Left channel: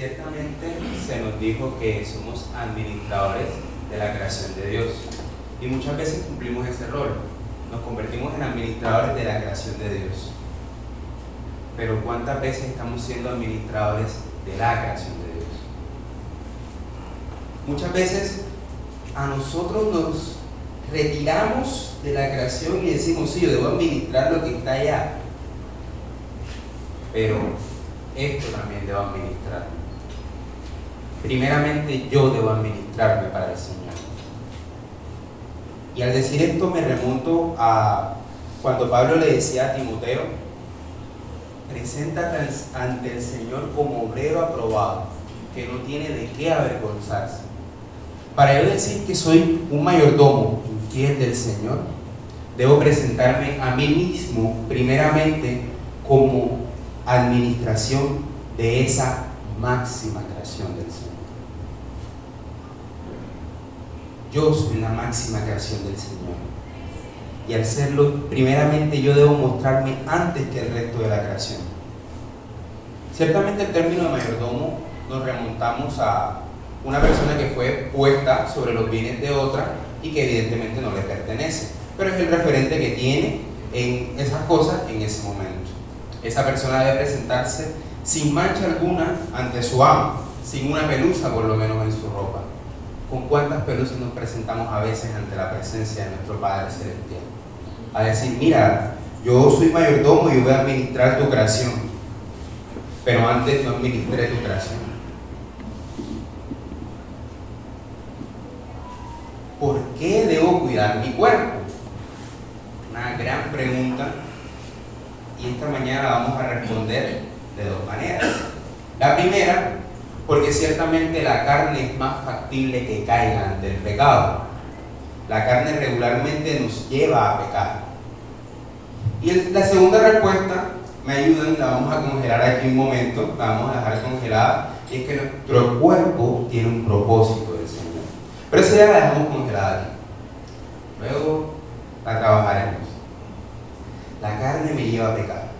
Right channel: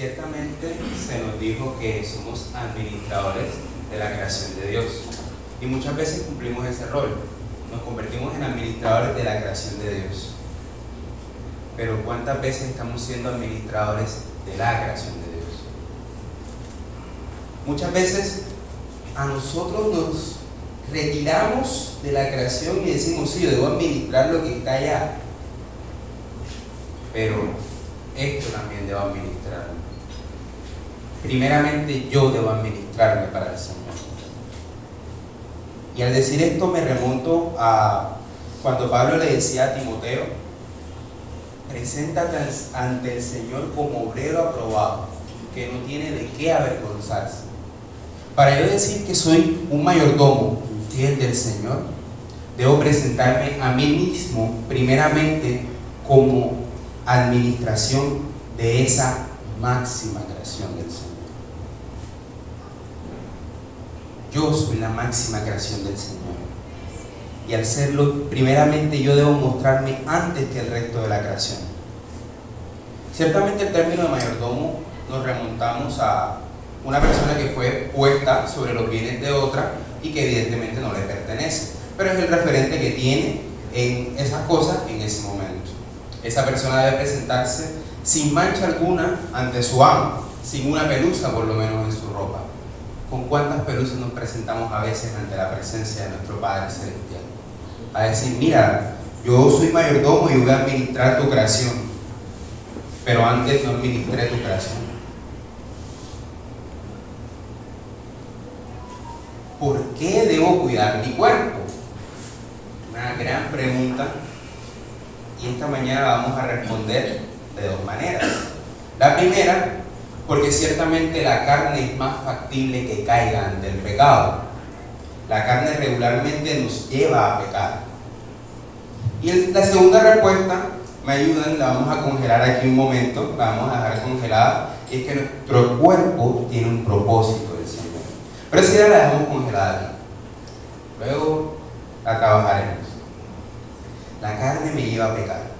Ciertamente se nos dijo que somos administradores de la creación de Dios y muchas veces cumplimos ese rol, nos convertimos en administradores de la creación de Dios. Pero ¿cuántas veces estamos siendo administradores de la creación de Dios? Muchas veces a nosotros nos retiramos de la creación y decimos, sí, yo debo administrar lo que está allá, pero esto también debo administrar. Primeramente yo debo administrarme para el Señor. Y al decir esto me remonto a cuando Pablo le decía a Timoteo: preséntate ante el Señor como obrero aprobado, que no tiene de qué avergonzarse. Para yo decir que soy un mayordomo fiel del Señor, debo presentarme a mí mismo primeramente como administración de esa máxima creación del Señor. Yo soy la máxima creación del Señor. Y al serlo, primeramente yo debo mostrarme antes que el resto de la creación. Ciertamente el término de mayordomo nos remontamos a una persona que fue puesta sobre los bienes de otra y que evidentemente no le pertenece, pero es el referente que tiene en esas cosas en ese momento. Esa persona debe presentarse sin mancha alguna ante su amo, sin una pelusa por lo menos en su ropa. ¿Con cuántas pelusas nos presentamos a veces ante la presencia de nuestro Padre Celestial? A decir, mira, yo soy mayordomo y voy a administrar tu creación, pero antes no administré tu creación. ¿Por qué debo cuidar mi cuerpo? Una gran pregunta, y esta mañana la vamos a responder de dos maneras. La primera, porque ciertamente la carne es más factible que caiga ante el pecado. La carne regularmente nos lleva a pecar. Y la segunda respuesta, me ayudan, la vamos a congelar aquí un momento, la vamos a dejar congelada, y es que nuestro cuerpo tiene un propósito del Señor. Pero esa ya la dejamos congelada aquí. Luego la trabajaremos. La carne me lleva a pecar.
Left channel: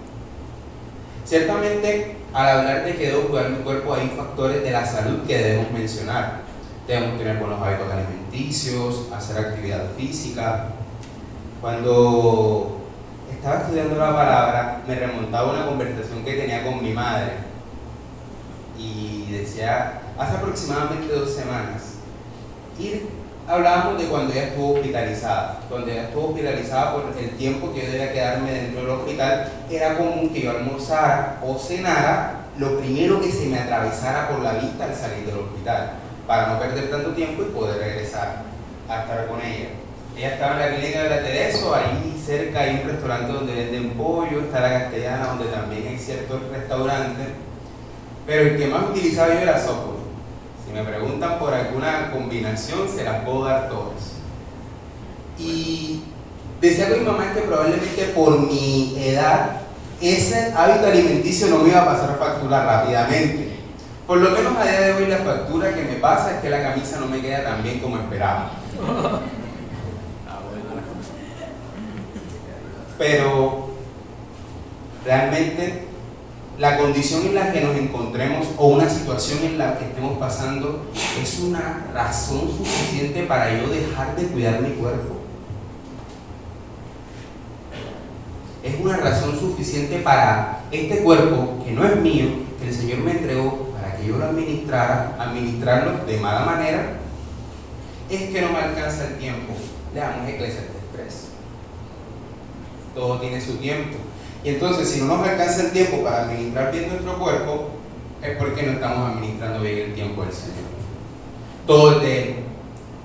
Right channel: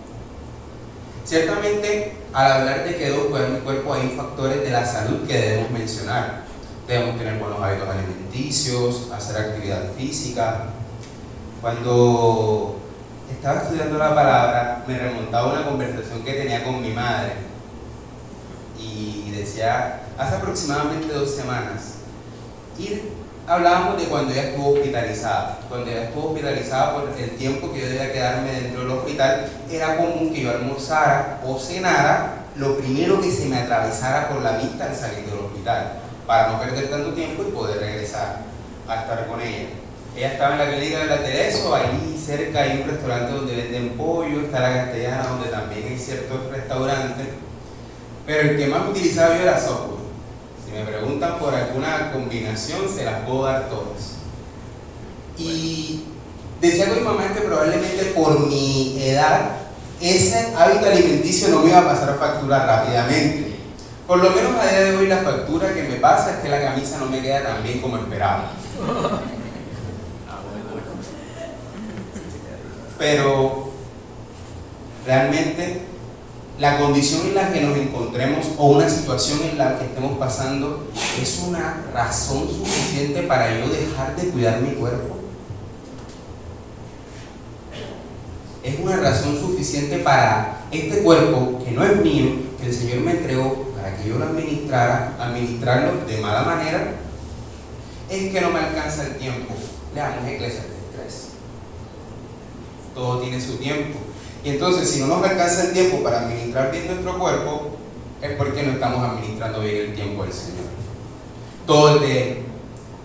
Ciertamente, al hablar de que debo cuidar mi cuerpo, hay factores de la salud que debemos mencionar. Debemos tener buenos hábitos alimenticios, hacer actividad física. Cuando estaba estudiando la palabra, me remontaba a una conversación que tenía con mi madre. Y decía, hace aproximadamente 2 semanas, hablábamos de cuando ella estuvo hospitalizada. Cuando ella estuvo hospitalizada, por el tiempo que yo debía quedarme dentro del hospital, era común que yo almorzara o cenara lo primero que se me atravesara por la vista al salir del hospital, para no perder tanto tiempo y poder regresar a estar con ella. Ella estaba en la clínica de la Tereso, ahí cerca hay un restaurante donde venden pollo, está la Castellana, donde también hay ciertos restaurantes, pero el que más utilizaba yo era Subway. Si me preguntan por alguna combinación, se las puedo dar todas. Y decía con mi mamá que probablemente por mi edad, ese hábito alimenticio no me iba a pasar factura rápidamente. Por lo menos a día de hoy la factura que me pasa es que la camisa no me queda tan bien como esperaba. Pero realmente la condición en la que nos encontremos o una situación en la que estemos pasando es una razón suficiente para yo dejar de cuidar mi cuerpo. Es una razón suficiente para este cuerpo que no es mío, que el Señor me entregó para que yo lo administrarlo de mala manera. Es que no me alcanza el tiempo. Leamos Eclesiastes 3. Todo tiene su tiempo. Y entonces, si no nos alcanza el tiempo para administrar bien nuestro cuerpo, es porque no estamos administrando bien el tiempo del Señor. Todo es de Él.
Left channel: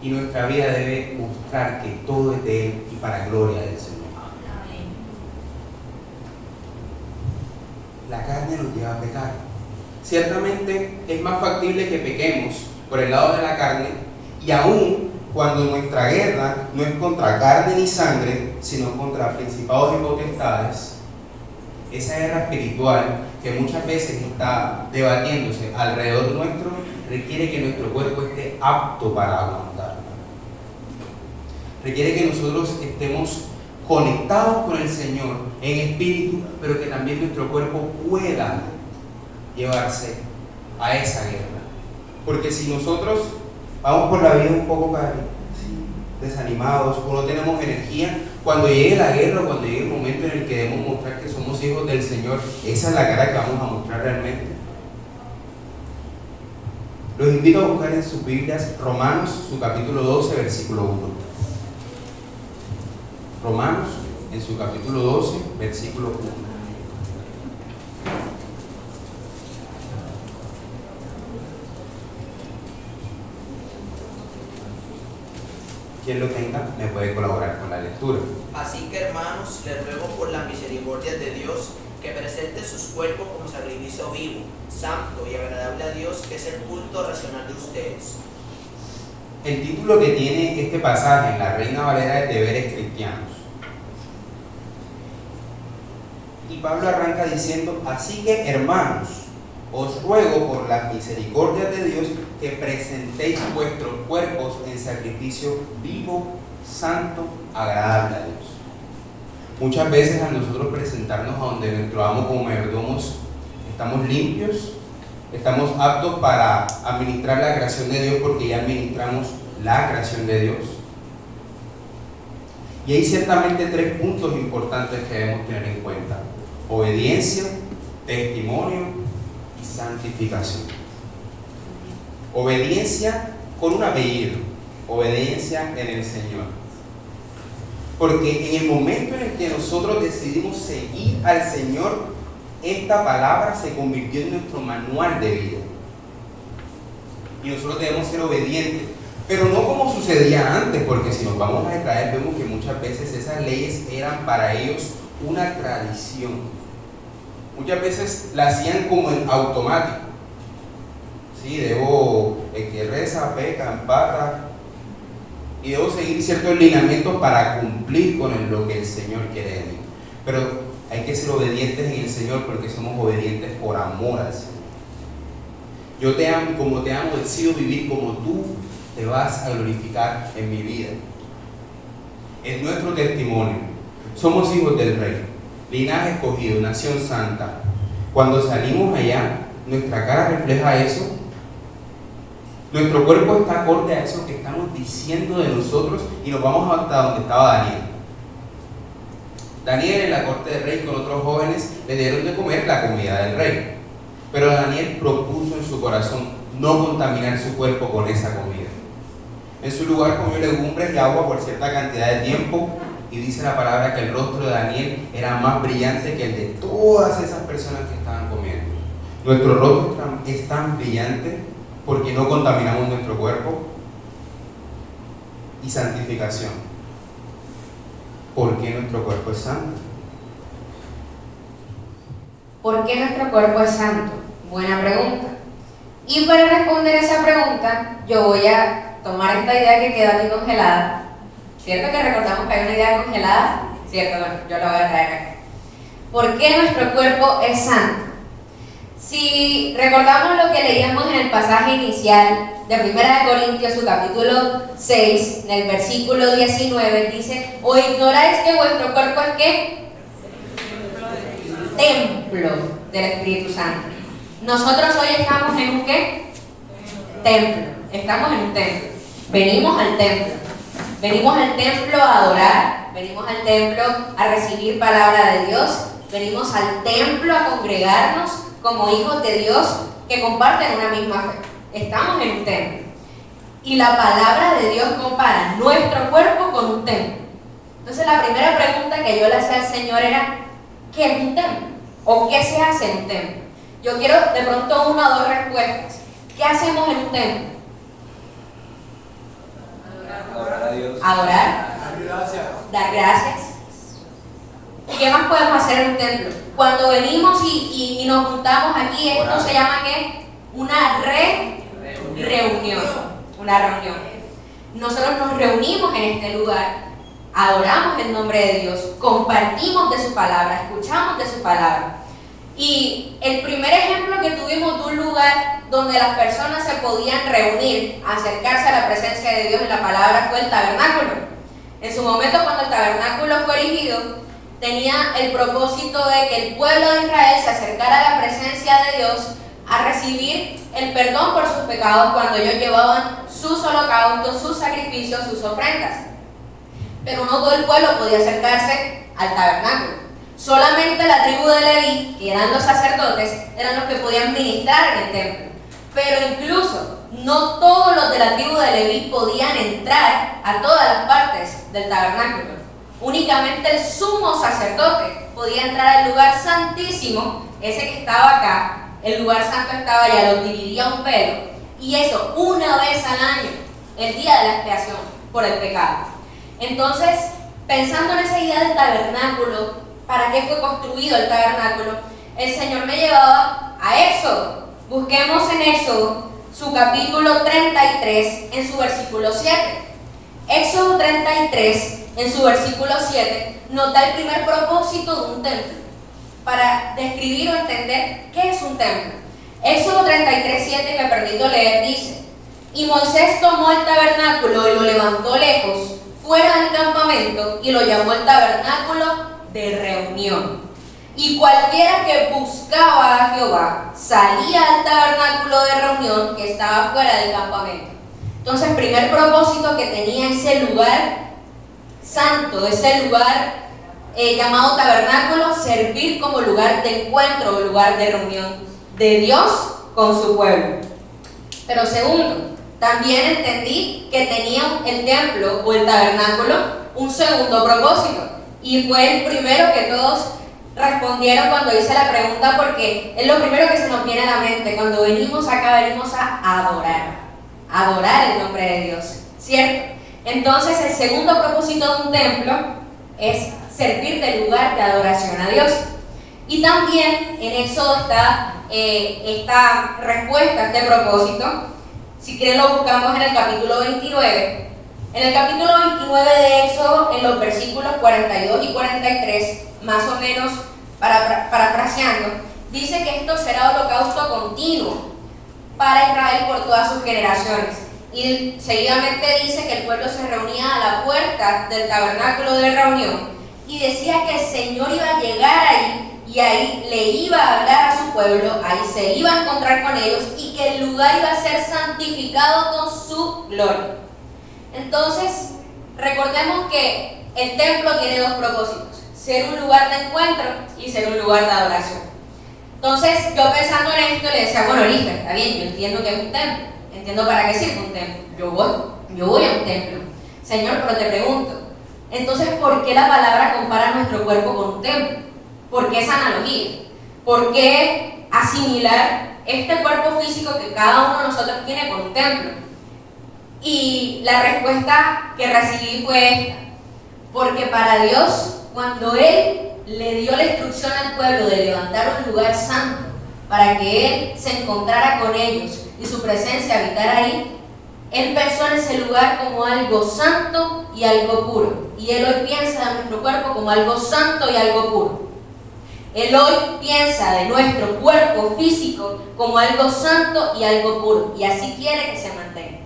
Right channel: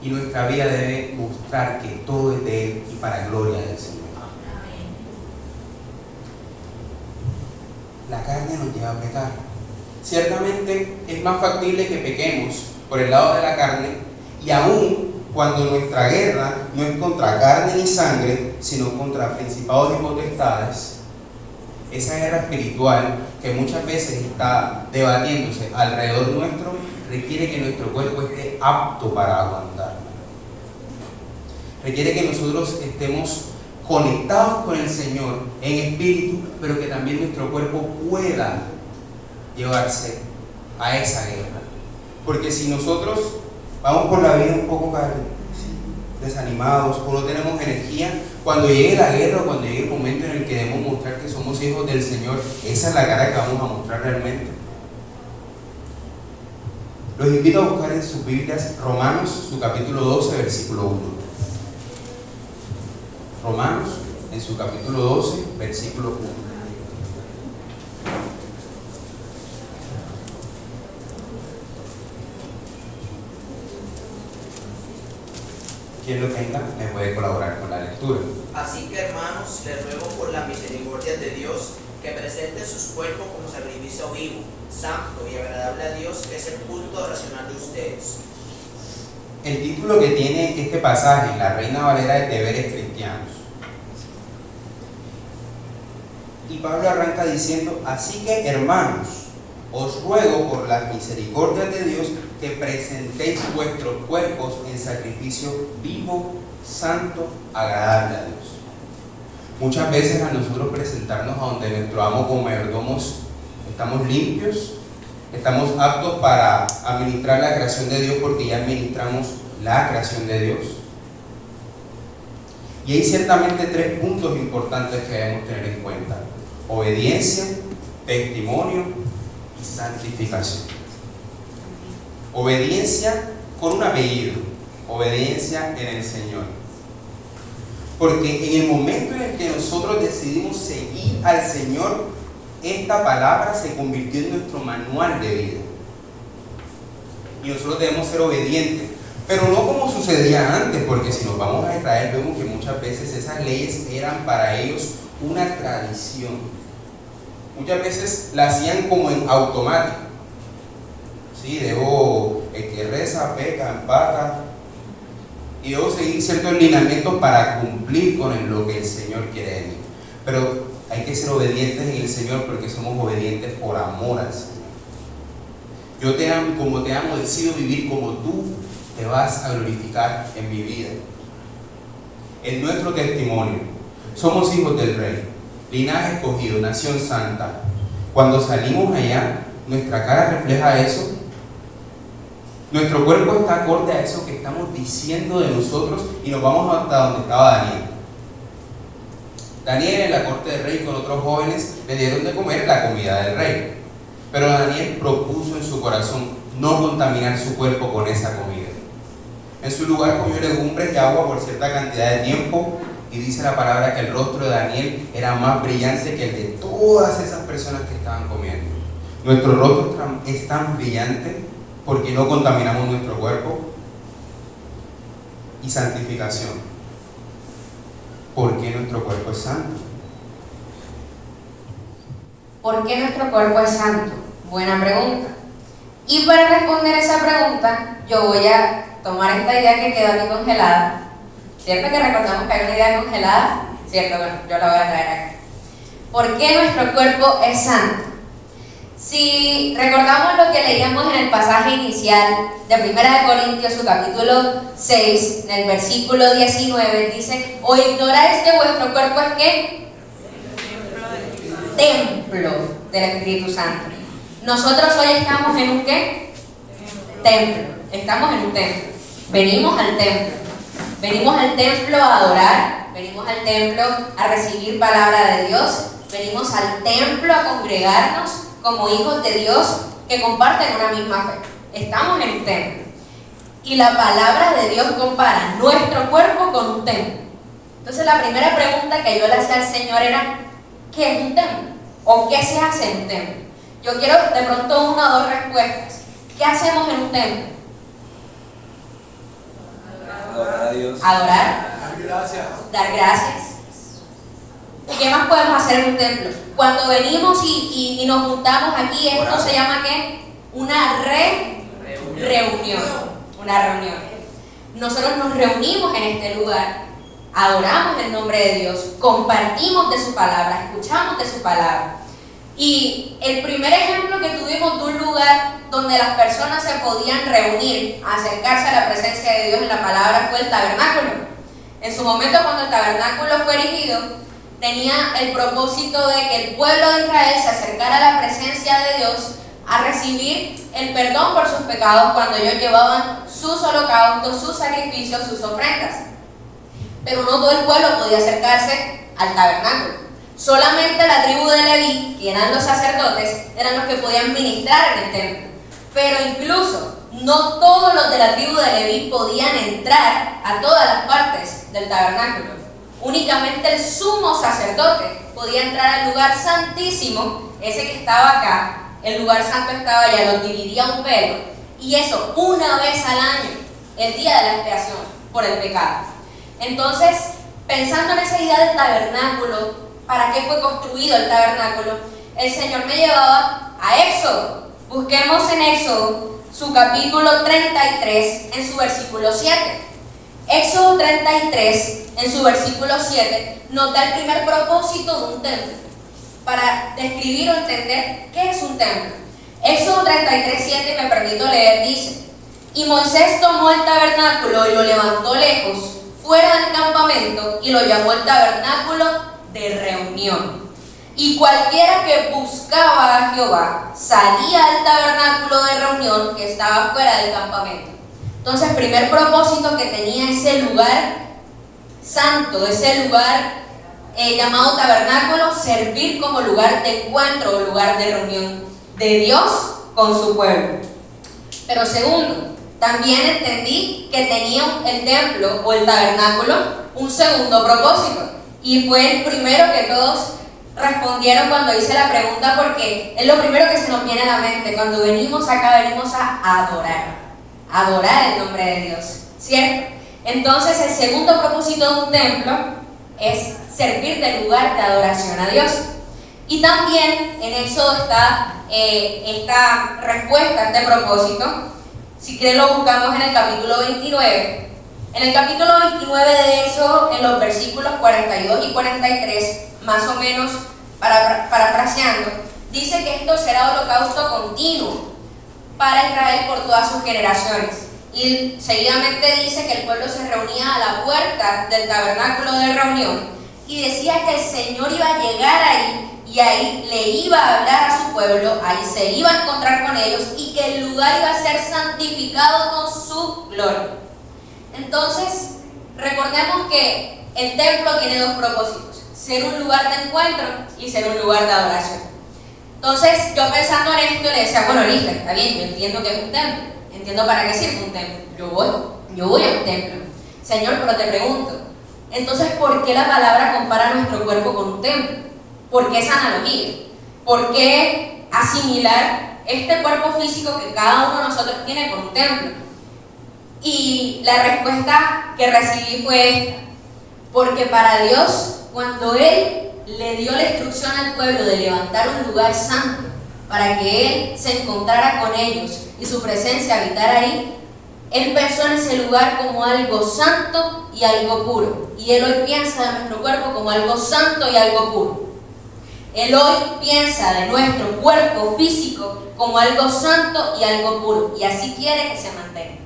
Y nuestra vida debe mostrar que todo es de Él y para gloria del Señor. La carne nos lleva a pecar. Ciertamente es más factible que pequemos por el lado de la carne, y aún cuando nuestra guerra no es contra carne ni sangre, sino contra principados y potestades. Esa guerra espiritual que muchas veces está debatiéndose alrededor nuestro requiere que nuestro cuerpo esté apto para aguantar. Requiere que nosotros estemos conectados con el Señor en espíritu, pero que también nuestro cuerpo pueda llevarse a esa guerra. Porque si nosotros vamos por la vida un poco desanimados o no tenemos energía, cuando llegue la guerra, cuando llegue el momento en el que debemos mostrar que somos hijos del Señor, esa es la cara que vamos a mostrar realmente. Los invito a buscar en sus Biblias Romanos, su capítulo 12, versículo 1. Romanos, en su capítulo 12, versículo 1. Quien lo tenga me puede colaborar con la lectura. Así que, hermanos, les ruego por la misericordia de Dios que presenten sus cuerpos como sacrificio vivo, santo y agradable a Dios, que es el culto racional de ustedes. El título que tiene este pasaje en la Reina Valera es Deberes Cristianos. Y Pablo arranca diciendo: así que, hermanos, os ruego por las misericordias de Dios que presentéis vuestros cuerpos en sacrificio vivo, santo, agradable a Dios. Muchas veces al nosotros presentarnos a donde nuestro amo como mayordomos, estamos limpios, estamos aptos para administrar la creación de Dios porque ya administramos la creación de Dios. Y hay ciertamente 3 puntos importantes que debemos tener en cuenta: obediencia, testimonio y santificación. Obediencia con un apellido, obediencia en el Señor. Porque en el momento en el que nosotros decidimos seguir al Señor, esta palabra se convirtió en nuestro manual de vida. Y nosotros debemos ser obedientes, pero no como sucedía antes, porque si nos vamos a Israel vemos que muchas veces esas leyes eran para ellos una tradición. Muchas veces la hacían como en automático. Sí, debo, el que reza, peca, empata, y debo seguir ciertos lineamientos para cumplir con lo que el Señor quiere de mí. Pero hay que ser obedientes en el Señor porque somos obedientes por amor al Señor. Yo te amo y como te amo decido vivir como tú te vas a glorificar en mi vida. Es nuestro testimonio. Somos hijos del Rey, linaje escogido, nación santa. Cuando salimos allá, nuestra cara refleja eso. Nuestro cuerpo está acorde a eso que estamos diciendo de nosotros y nos vamos hasta donde estaba Daniel. Daniel en la corte del rey con otros jóvenes le dieron de comer la comida del rey. Pero Daniel propuso en su corazón no contaminar su cuerpo con esa comida. En su lugar comió legumbres y agua por cierta cantidad de tiempo, y dice la palabra que el rostro de Daniel era más brillante que el de todas esas personas que estaban comiendo. Nuestro rostro es tan brillante porque no contaminamos nuestro cuerpo. Y santificación, ¿por qué nuestro cuerpo es santo? ¿Por qué nuestro cuerpo es santo? Buena pregunta. Y para responder esa pregunta, yo voy a tomar esta idea que quedó aquí congelada. ¿Cierto que recordamos que hay una idea congelada? ¿Cierto? Bueno, yo la voy a traer acá. ¿Por qué nuestro cuerpo es santo? Si recordamos lo que leíamos en el pasaje inicial de 1 Corintios, su capítulo 6, en el versículo 19, dice: ¿o ignoráis que vuestro cuerpo es qué? Templo del Espíritu Santo. Nosotros hoy estamos en un ¿qué? Templo. Estamos en un templo. Venimos al templo. Venimos al templo a adorar. Venimos al templo a recibir palabra de Dios. Venimos al templo a congregarnos como hijos de Dios que comparten una misma fe. Estamos en un templo. Y la palabra de Dios compara nuestro cuerpo con un templo. Entonces la primera pregunta que yo le hacía al Señor era: ¿qué es un templo? ¿O qué se hace en un templo? Yo quiero de pronto 1 o 2 respuestas. ¿Qué hacemos en un templo? Adorar a Dios. Adorar. Dar gracias. Dar gracias. ¿Y qué más podemos hacer en un templo? Cuando venimos y nos juntamos aquí, esto se llama ¿qué? Una reunión. Una reunión. Nosotros nos reunimos en este lugar, adoramos el nombre de Dios, compartimos de su palabra, escuchamos de su palabra. Y el primer ejemplo que tuvimos de un lugar donde las personas se podían reunir, acercarse a la presencia de Dios en la palabra, fue el tabernáculo. En su momento, cuando el tabernáculo fue erigido, tenía el propósito de que el pueblo de Israel se acercara a la presencia de Dios a recibir el perdón por sus pecados cuando ellos llevaban sus holocaustos, sus sacrificios, sus ofrendas. Pero no todo el pueblo podía acercarse al tabernáculo. Solamente la tribu de Leví, que eran los sacerdotes, eran los que podían ministrar en el templo. Pero incluso no todos los de la tribu de Leví podían entrar a todas las partes del tabernáculo. Únicamente el sumo sacerdote podía entrar al lugar santísimo, ese que estaba acá. El lugar santo estaba allá, lo dividía un velo, y eso una vez al año, el día de la expiación por el pecado. Entonces, pensando en esa idea del tabernáculo, ¿para qué fue construido el tabernáculo? El Señor me llevaba a Éxodo. Busquemos en Éxodo su capítulo 33 en su versículo 7. Éxodo 33 en su versículo 7 nos da el primer propósito de un templo, para describir o entender qué es un templo. Éxodo 33:7, me permito leer, dice: y Moisés tomó el tabernáculo y lo levantó lejos, fuera del campamento, y lo llamó el tabernáculo de reunión. Y cualquiera que buscaba a Jehová salía al tabernáculo de reunión que estaba fuera del campamento. Entonces, primer propósito que tenía ese lugar santo, ese lugar llamado tabernáculo, servir como lugar de encuentro o lugar de reunión de Dios con su pueblo. Pero segundo, también entendí que tenía el templo o el tabernáculo un segundo propósito, y fue el primero que todos respondieron cuando hice la pregunta, porque es lo primero que se nos viene a la mente. Cuando venimos acá, venimos a adorar el nombre de Dios, ¿cierto? Entonces, el segundo propósito de un templo es servir de lugar de adoración a Dios. Y también en Éxodo está esta respuesta a este propósito. Si quieren lo buscamos en el capítulo 29. En el capítulo 29 de Éxodo, en los versículos 42 y 43, más o menos parafraseando, dice que esto será holocausto continuo para Israel por todas sus generaciones. Y seguidamente dice que el pueblo se reunía a la puerta del tabernáculo de reunión y decía que el Señor iba a llegar ahí, y ahí le iba a hablar a su pueblo, ahí se iba a encontrar con ellos, y que el lugar iba a ser santificado con su gloria. Entonces, recordemos que el templo tiene dos propósitos: ser un lugar de encuentro y ser un lugar de adoración. Entonces, yo pensando en esto le decía, bueno, Lisa, está bien, yo entiendo que es un templo, entiendo para qué sirve un templo, yo voy a un templo. Señor, pero te pregunto, entonces, ¿por qué la palabra compara nuestro cuerpo con un templo? ¿Por qué esa analogía? ¿Por qué asimilar este cuerpo físico que cada uno de nosotros tiene con un templo? Y la respuesta que recibí fue esta: porque para Dios, cuando Él le dio la instrucción al pueblo de levantar un lugar santo para que Él se encontrara con ellos y su presencia habitara ahí, Él pensó en ese lugar como algo santo y algo puro. Y Él hoy piensa de nuestro cuerpo como algo santo y algo puro. Él hoy piensa de nuestro cuerpo físico como algo santo y algo puro. Y así quiere que se mantenga.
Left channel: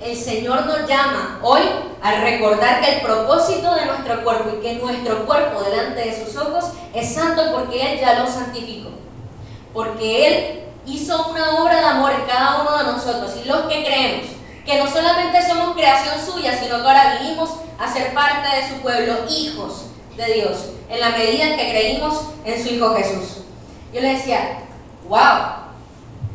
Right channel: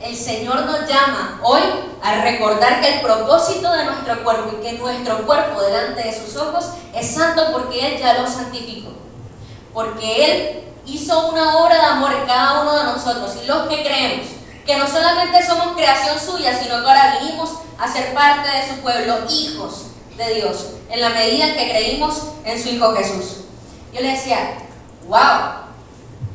El Señor nos llama hoy a recordar que el propósito de nuestro cuerpo, y que nuestro cuerpo delante de sus ojos es santo, porque Él ya lo santificó. Porque Él hizo una obra de amor en cada uno de nosotros, y los que creemos que no solamente somos creación suya, sino que ahora vinimos a ser parte de su pueblo, hijos de Dios, en la medida en que creímos en su Hijo Jesús. Yo le decía, wow,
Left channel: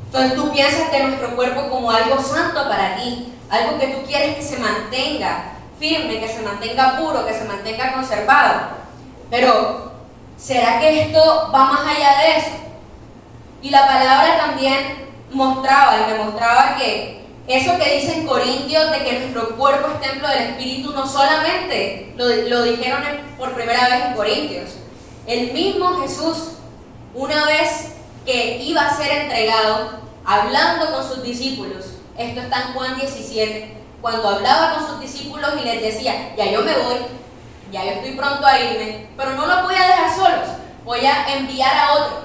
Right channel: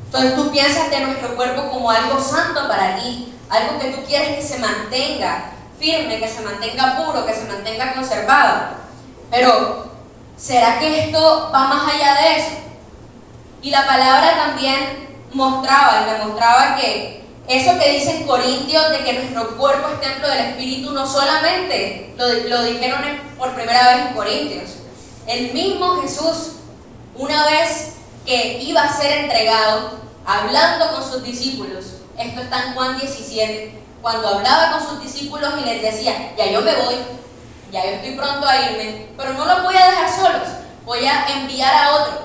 entonces tú piensas de nuestro cuerpo como algo santo para ti, algo que tú quieres que se mantenga firme, que se mantenga puro, que se mantenga conservado. Pero, ¿será que esto va más allá de eso? Y la palabra también mostraba y demostraba que eso que dice en Corintios, de que nuestro cuerpo es templo del Espíritu, no solamente lo dijeron por primera vez en Corintios. El mismo Jesús, una vez que iba a ser entregado, hablando con sus discípulos, esto está en Juan 17, cuando hablaba con sus discípulos y les decía, ya yo me voy, ya yo estoy pronto a irme, pero no los voy a dejar solos, voy a enviar a otro,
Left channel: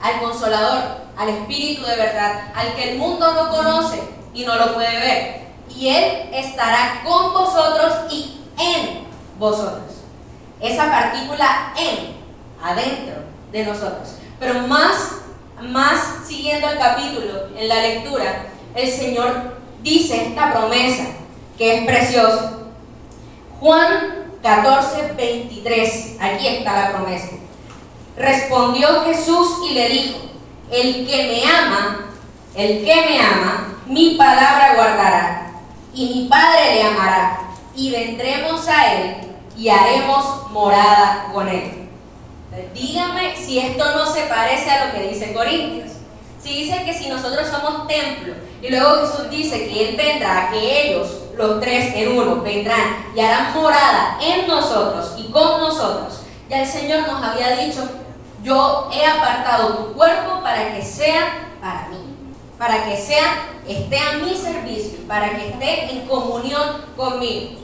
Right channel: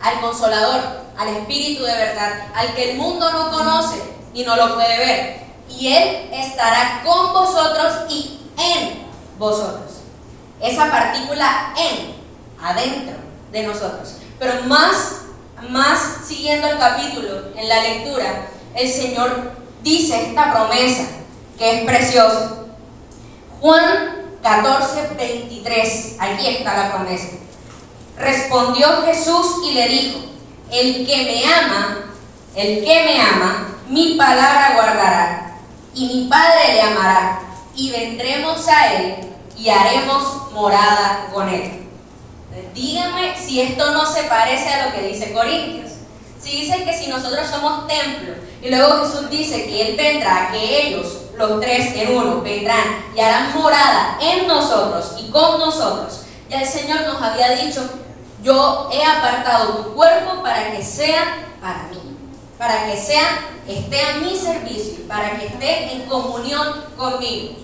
al Consolador, al Espíritu de verdad, al que el mundo no conoce y no lo puede ver, y Él estará con vosotros y en vosotros. Esa partícula en, adentro de nosotros. Pero más más siguiendo el capítulo, en la lectura, el Señor dice esta promesa que es preciosa. Juan 14:23, aquí está la promesa. Respondió Jesús y le dijo: el que me ama, mi palabra guardará, y mi Padre le amará, y vendremos a él y haremos morada con él. Dígame si esto no se parece a lo que dice Corintios. Si dice que si nosotros somos templo, y luego Jesús dice que Él vendrá, que ellos, los tres en uno, vendrán y harán morada en nosotros y con nosotros. Ya el Señor nos había dicho: yo he apartado tu cuerpo para que sea para mí, para que esté a mi servicio, para que esté en comunión conmigo.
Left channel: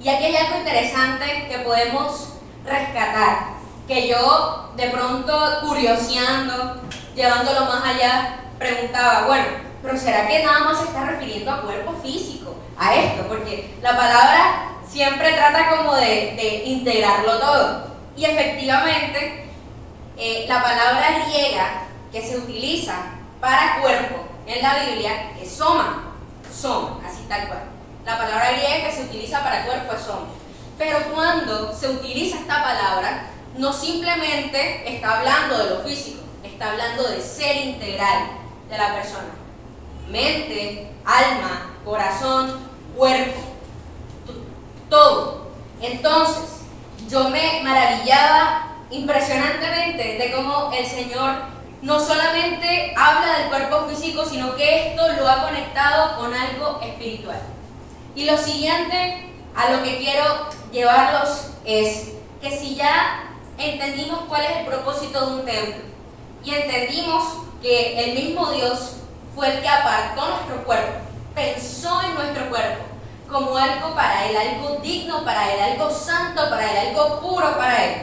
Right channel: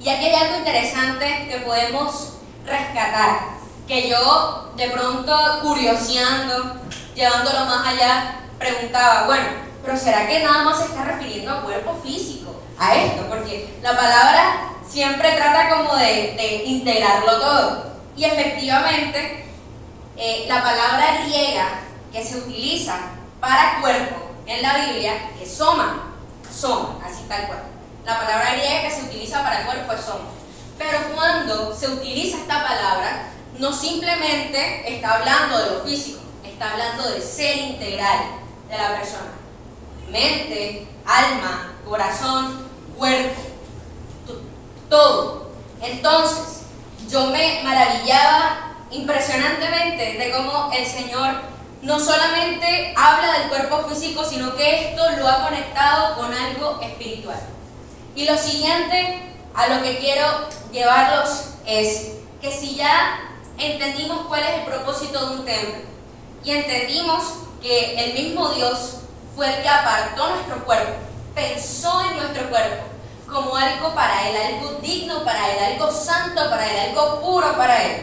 Y aquí hay algo interesante que podemos rescatar, que yo de pronto curioseando, llevándolo más allá, preguntaba, bueno, pero ¿será que nada más se está refiriendo a cuerpo físico, a esto? Porque la palabra siempre trata como de integrarlo todo. Y efectivamente, la palabra griega que se utiliza para cuerpo en la Biblia es soma, así tal cual. La palabra griega que se utiliza para cuerpo es soma. Pero cuando se utiliza esta palabra, no simplemente está hablando de lo físico, está hablando del ser integral de la persona. Mente, alma, corazón, cuerpo, todo. Entonces, yo me maravillaba impresionantemente de cómo el Señor no solamente habla del cuerpo físico, sino que esto lo ha conectado con algo espiritual. Y lo siguiente a lo que quiero llevarlos es que si ya entendimos cuál es el propósito de un templo y entendimos que el mismo Dios fue el que apartó nuestro cuerpo, pensó en nuestro cuerpo como algo para Él, algo digno para Él, algo santo para Él, algo puro para Él.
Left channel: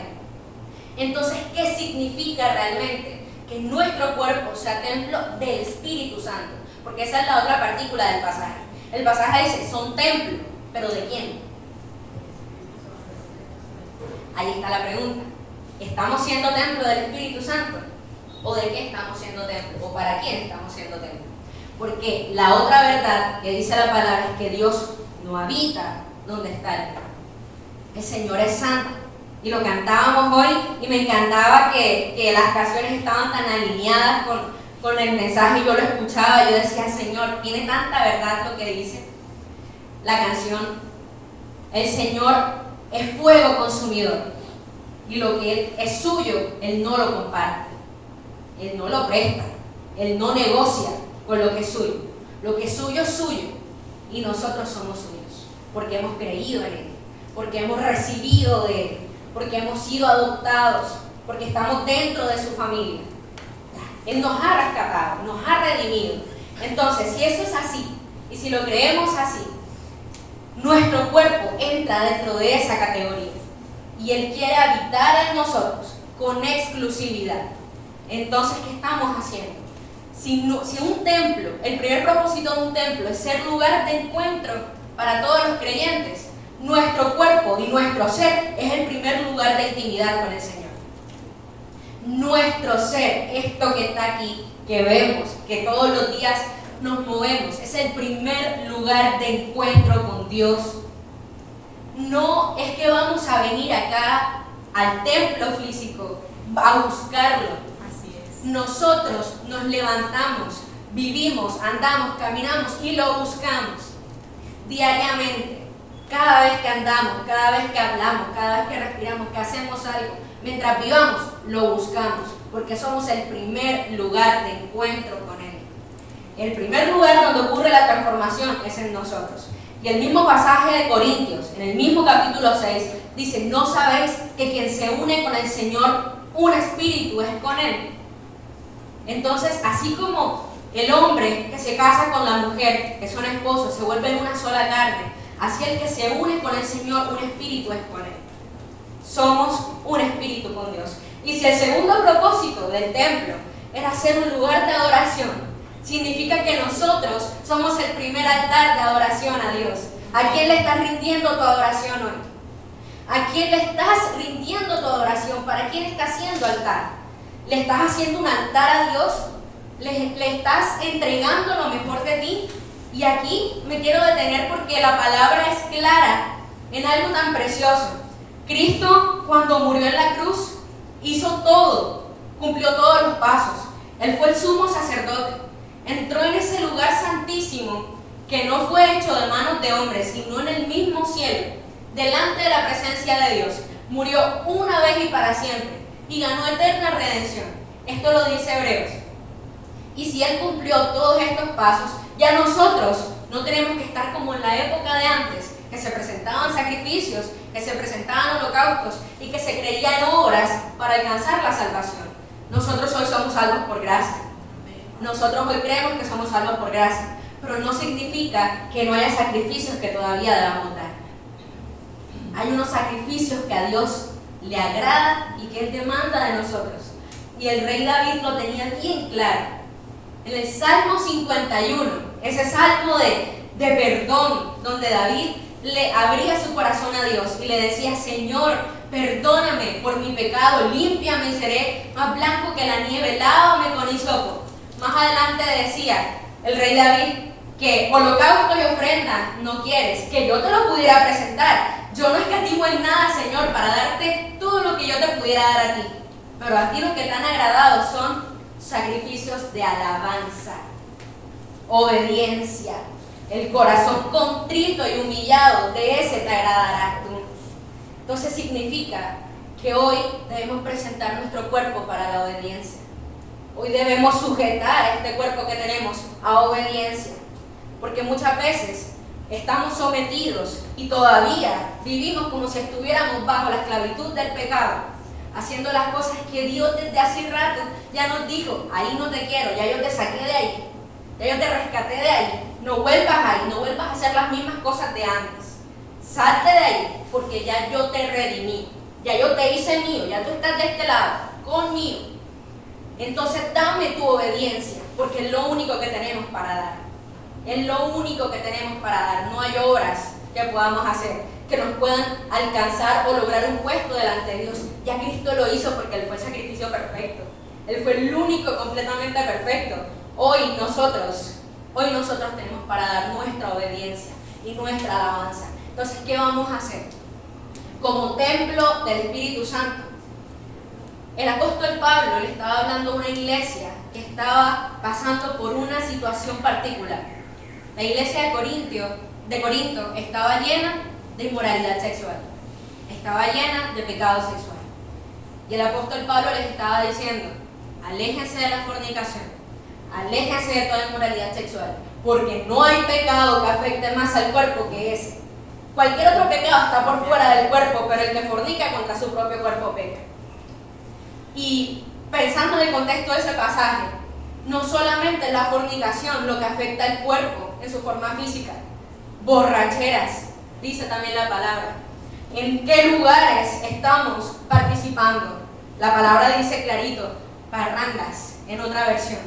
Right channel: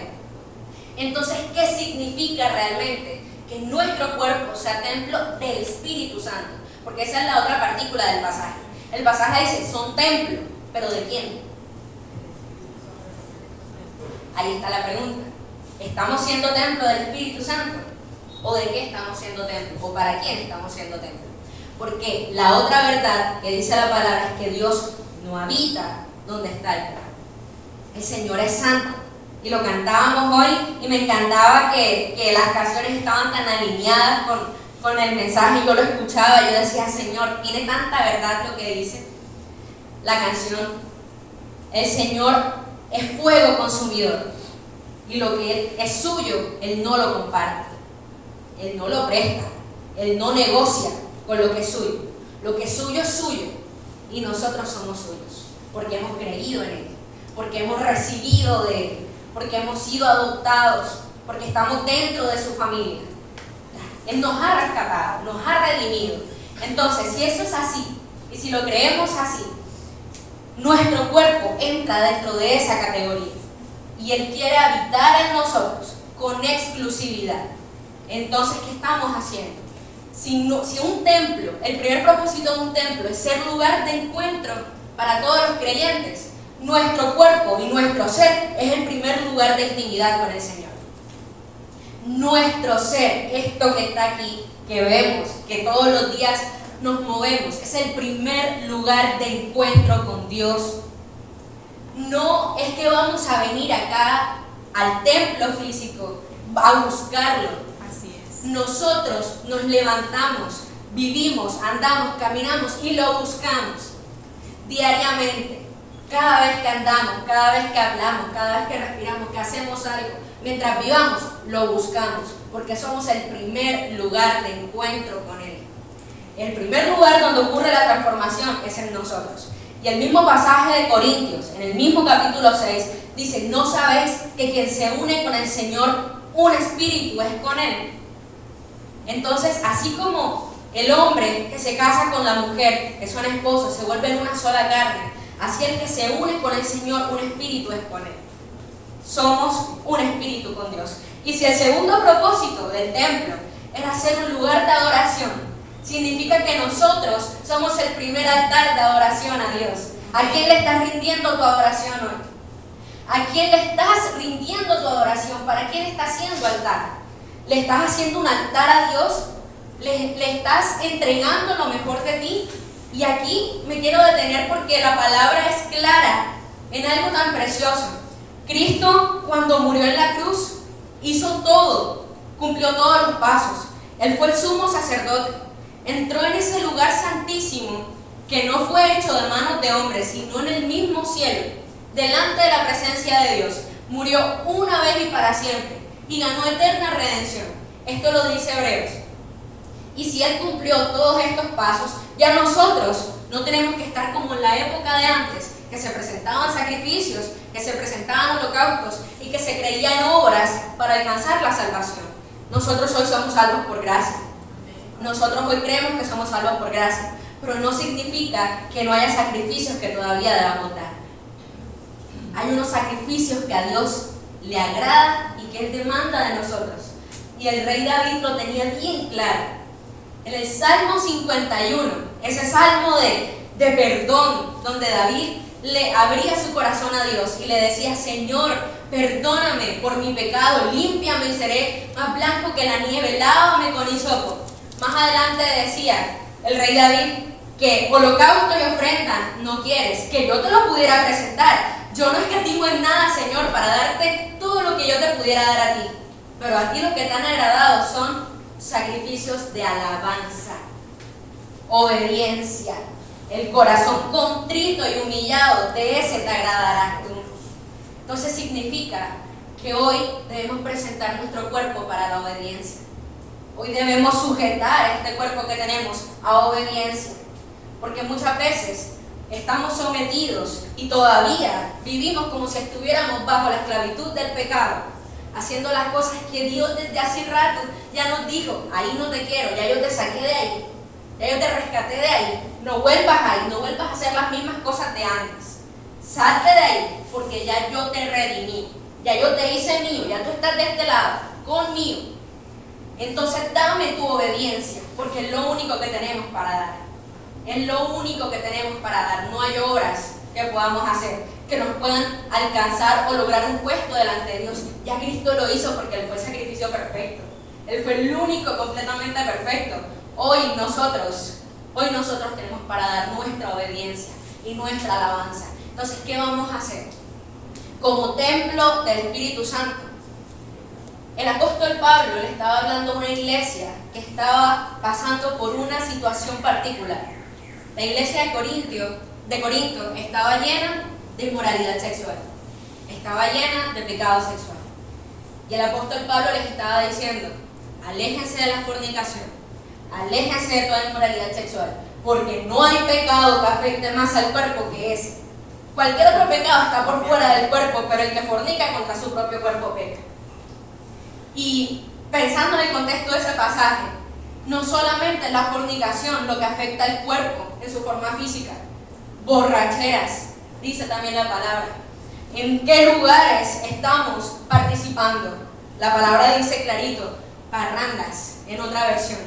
Entonces, ¿qué significa realmente que nuestro cuerpo sea templo del Espíritu Santo? Porque esa es la otra partícula del pasaje. El pasaje dice, son templo, ¿pero de quién? Ahí está la pregunta. ¿Estamos siendo templo del Espíritu Santo? ¿O de qué estamos siendo templo? ¿O para quién estamos siendo templo? Porque la otra verdad que dice la palabra es que Dios no habita donde está el pecado. El Señor es santo. Y lo cantábamos hoy y me encantaba que las canciones estaban tan alineadas con el mensaje. Yo lo escuchaba, yo decía, Señor, tiene tanta verdad lo que dice la canción. El Señor es fuego consumidor. Y lo que es suyo, Él no lo comparte. Él no lo presta. Él no negocia con lo que es suyo. Lo que es suyo y nosotros somos suyos. Porque hemos creído en Él. Porque hemos recibido de Él. Porque hemos sido adoptados. Porque estamos dentro de su familia. Él nos ha rescatado, nos ha redimido. Entonces, si eso es así, y si lo creemos así, nuestro cuerpo entra dentro de esa categoría. Y Él quiere habitar en nosotros con exclusividad. Entonces, ¿qué estamos haciendo? Si un templo, el primer propósito de un templo es ser lugar de encuentro para todos los creyentes, nuestro cuerpo y nuestro ser es el primer lugar de intimidad con el Señor. Nuestro ser, esto que está aquí, que vemos, que todos los días nos movemos, es el primer lugar de encuentro con Dios. No es que vamos a venir acá al templo físico a buscarlo. Así es. Nosotros nos levantamos, vivimos, andamos, caminamos y lo buscamos diariamente. Cada vez que andamos, cada vez que hablamos, cada vez que respiramos, que hacemos algo, mientras vivamos, lo buscamos, porque somos el primer lugar de encuentro con Él. El primer lugar donde ocurre la transformación es en nosotros. Y el mismo pasaje de Corintios, en el mismo capítulo 6, dice, ¿no sabéis que quien se une con el Señor, un espíritu es con Él? Entonces, así como el hombre que se casa con la mujer, que son esposos, se vuelven una sola carne, así el que se une con el Señor, un espíritu es con Él. Somos un espíritu con Dios. Y si el segundo propósito del templo era ser un lugar de adoración, significa que nosotros somos el primer altar de adoración a Dios. ¿A quién le estás rindiendo tu adoración hoy? ¿A quién le estás rindiendo tu adoración? ¿Para quién estás haciendo altar? ¿Le estás haciendo un altar a Dios? ¿Le estás entregando lo mejor de ti? Y aquí me quiero detener porque la palabra es clara en algo tan precioso. Cristo, cuando murió en la cruz, hizo todo, cumplió todos los pasos. Él fue el sumo sacerdote. Entró en ese lugar santísimo que no fue hecho de manos de hombres, sino en el mismo cielo, delante de la presencia de Dios. Murió una vez y para siempre y ganó eterna redención. Esto lo dice Hebreos. Y si Él cumplió todos estos pasos, ya nosotros no tenemos que estar como en la época de antes, que se presentaban sacrificios, que se presentaban holocaustos y que se creían obras para alcanzar la salvación. Nosotros hoy somos salvos por gracia. Nosotros hoy creemos que somos salvos por gracia, pero no significa que no haya sacrificios que todavía debamos dar. Hay unos sacrificios que a Dios le agrada y que Él demanda de nosotros. Y el rey David lo tenía bien claro. En el Salmo 51, ese salmo de perdón, donde David le abría su corazón a Dios y le decía: Señor, perdóname por mi pecado, límpiame y seré más blanco que la nieve, lávame con hisopo. Más adelante decía el rey David que holocausto y ofrenda no quieres, que yo te lo pudiera presentar. Yo no escatimo en nada, Señor, para darte todo lo que yo te pudiera dar a ti. Pero a ti lo que te han agradado son sacrificios de alabanza, obediencia, el corazón contrito y humillado, de ese te agradará tú. Entonces significa que hoy debemos presentar nuestro cuerpo para la obediencia. Hoy debemos sujetar este cuerpo que tenemos a obediencia, porque muchas veces estamos sometidos y todavía vivimos como si estuviéramos bajo la esclavitud del pecado, haciendo las cosas que Dios desde hace rato ya nos dijo: ahí no te quiero, ya yo te saqué de ahí, ya yo te rescaté de ahí, no vuelvas ahí, no vuelvas a hacer las mismas cosas de antes, salte de ahí, porque ya yo te redimí, ya yo te hice mío, ya tú estás de este lado, conmigo. Entonces dame tu obediencia, porque es lo único que tenemos para dar, es lo único que tenemos para dar. No hay obras que podamos hacer que nos puedan alcanzar o lograr un puesto delante de Dios. Ya Cristo lo hizo porque Él fue el sacrificio perfecto. Él fue el único completamente perfecto. Hoy nosotros tenemos para dar nuestra obediencia y nuestra alabanza. Entonces, ¿qué vamos a hacer? Como templo del Espíritu Santo. El apóstol Pablo le estaba hablando a una iglesia que estaba pasando por una situación particular. La iglesia de Corinto estaba llena de inmoralidad sexual, estaba llena de pecado sexual. Y el apóstol Pablo les estaba diciendo: aléjense de la fornicación, aléjense de toda inmoralidad sexual, porque no hay pecado que afecte más al cuerpo que ese. Cualquier otro pecado está por fuera del cuerpo, pero el que fornica contra su propio cuerpo peca. Y pensando en el contexto de ese pasaje, no solamente la fornicación lo que afecta al cuerpo en su forma física, borracheras, dice también la palabra. ¿En qué lugares estamos participando? La palabra dice clarito: parrandas, en otra versión.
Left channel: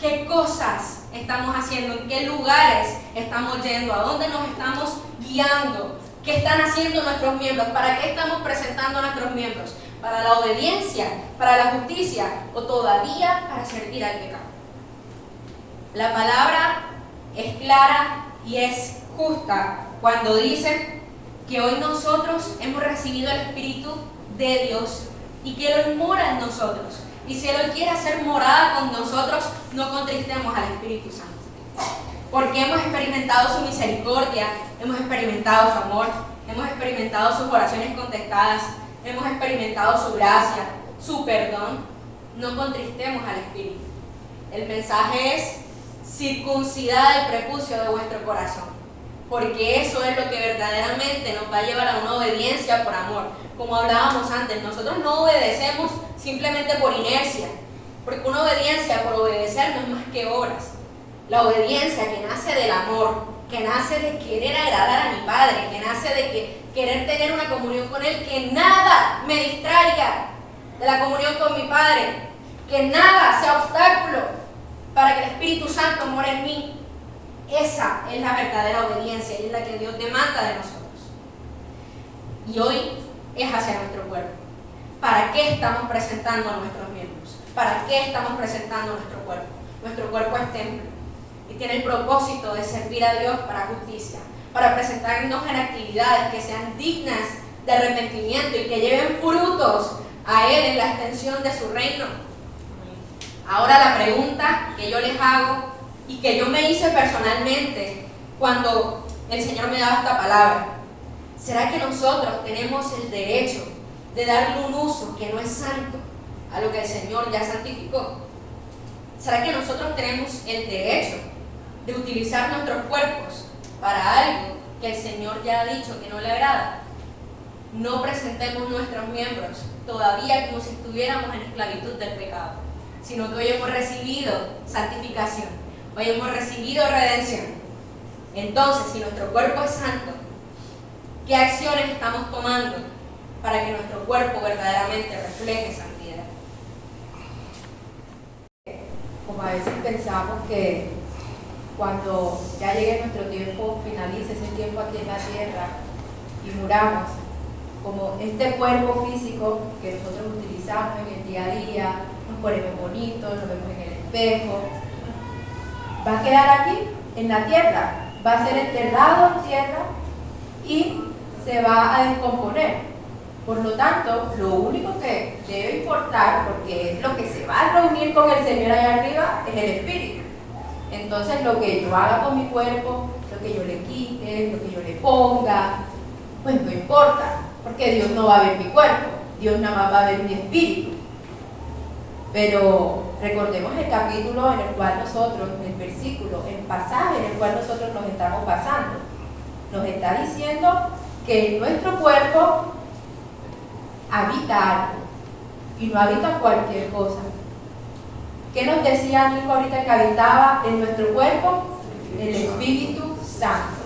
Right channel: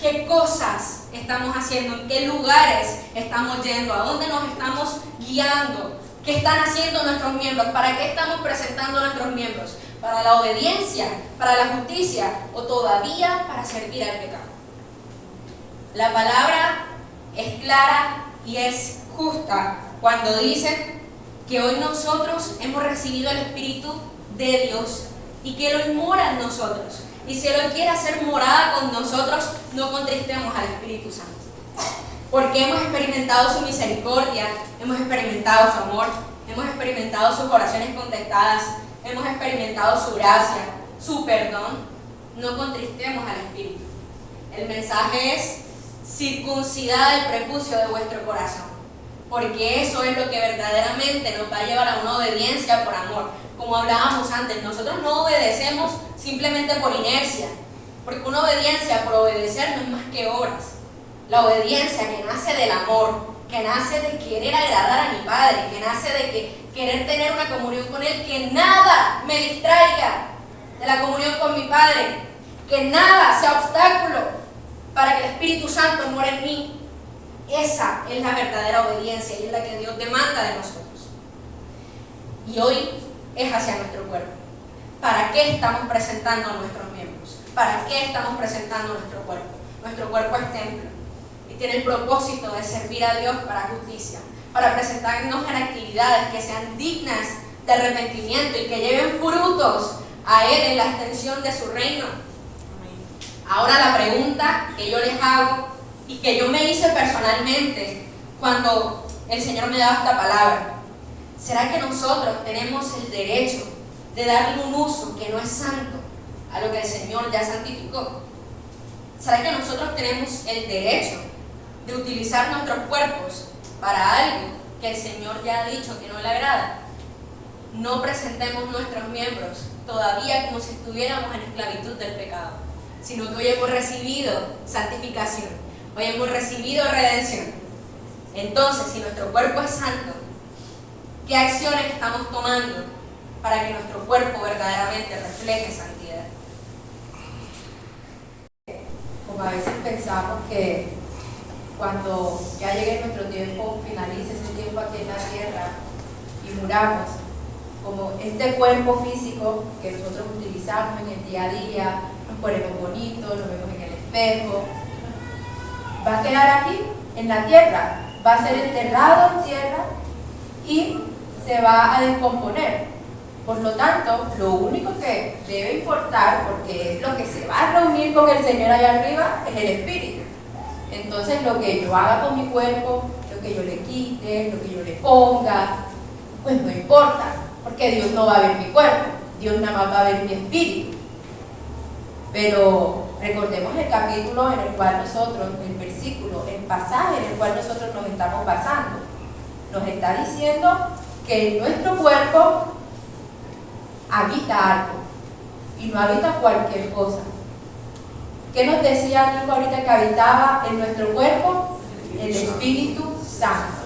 ¿Qué cosas estamos haciendo? ¿En qué lugares estamos yendo? ¿A dónde nos estamos guiando? ¿Qué están haciendo nuestros miembros? ¿Para qué estamos presentando a nuestros miembros? ¿Para la obediencia? ¿Para la justicia? ¿O todavía para servir al pecado? La palabra es clara y es justa cuando dice que hoy nosotros hemos recibido el Espíritu de Dios y que Él mora en nosotros. Y si Él quiere hacer morada con nosotros, no contristemos al Espíritu Santo. Porque hemos experimentado su misericordia, hemos experimentado su amor, hemos experimentado sus oraciones contestadas, hemos experimentado su gracia, su perdón. No contristemos al Espíritu. El mensaje es: circuncidad el prepucio de vuestro corazón, porque eso es lo que verdaderamente nos va a llevar a una obediencia por amor. Como hablábamos antes, nosotros no obedecemos simplemente por inercia, porque una obediencia por obedecer no es más que obras. La obediencia que nace del amor, que nace de querer agradar a mi Padre, que nace de querer tener una comunión con Él, que nada me distraiga de la comunión con mi Padre, que nada sea obstáculo para que el Espíritu Santo more en mí. Esa es la verdadera obediencia y es la que Dios demanda de nosotros. Y hoy es hacia nuestro cuerpo. ¿Para qué estamos presentando a nuestros miembros? para qué estamos presentando nuestro cuerpo. Nuestro cuerpo es templo y tiene el propósito de servir a Dios para justicia, para presentarnos en actividades que sean dignas de arrepentimiento y que lleven frutos a Él en la extensión de su reino. Ahora la pregunta que yo les hago y que yo me hice personalmente cuando el Señor me daba esta palabra: ¿será que nosotros tenemos el derecho de darle un uso que no es santo a lo que el Señor ya santificó? ¿Será que nosotros tenemos el derecho de utilizar nuestros cuerpos para algo que el Señor ya ha dicho que no le agrada? No presentemos nuestros miembros todavía como si estuviéramos en esclavitud del pecado, sino que hoy hemos recibido santificación, hoy hemos recibido redención. Entonces, si nuestro cuerpo es santo, ¿qué acciones estamos tomando para que nuestro cuerpo verdaderamente refleje santidad? Como a veces pensamos que cuando ya llegue nuestro tiempo, finalice ese tiempo aquí en la tierra y muramos, como este cuerpo físico que nosotros utilizamos en el día a día, nos ponemos bonitos, nos vemos en el espejo, va a quedar aquí en la tierra, va a ser enterrado en tierra y se va a descomponer. Por lo tanto, lo único que debe importar, porque es lo que se va a reunir con el Señor allá arriba, es el espíritu. Entonces, lo que yo haga con mi cuerpo, lo que yo le quite, lo que yo le ponga, pues no importa, porque Dios no va a ver mi cuerpo, Dios nada más va a ver mi espíritu. Pero recordemos el capítulo en el cual nosotros, el versículo, el pasaje en el cual nosotros nos estamos basando, nos está diciendo que en nuestro cuerpo habita algo y no habita cualquier cosa. ¿Qué nos decía Nico ahorita que habitaba en nuestro cuerpo? El Espíritu Santo.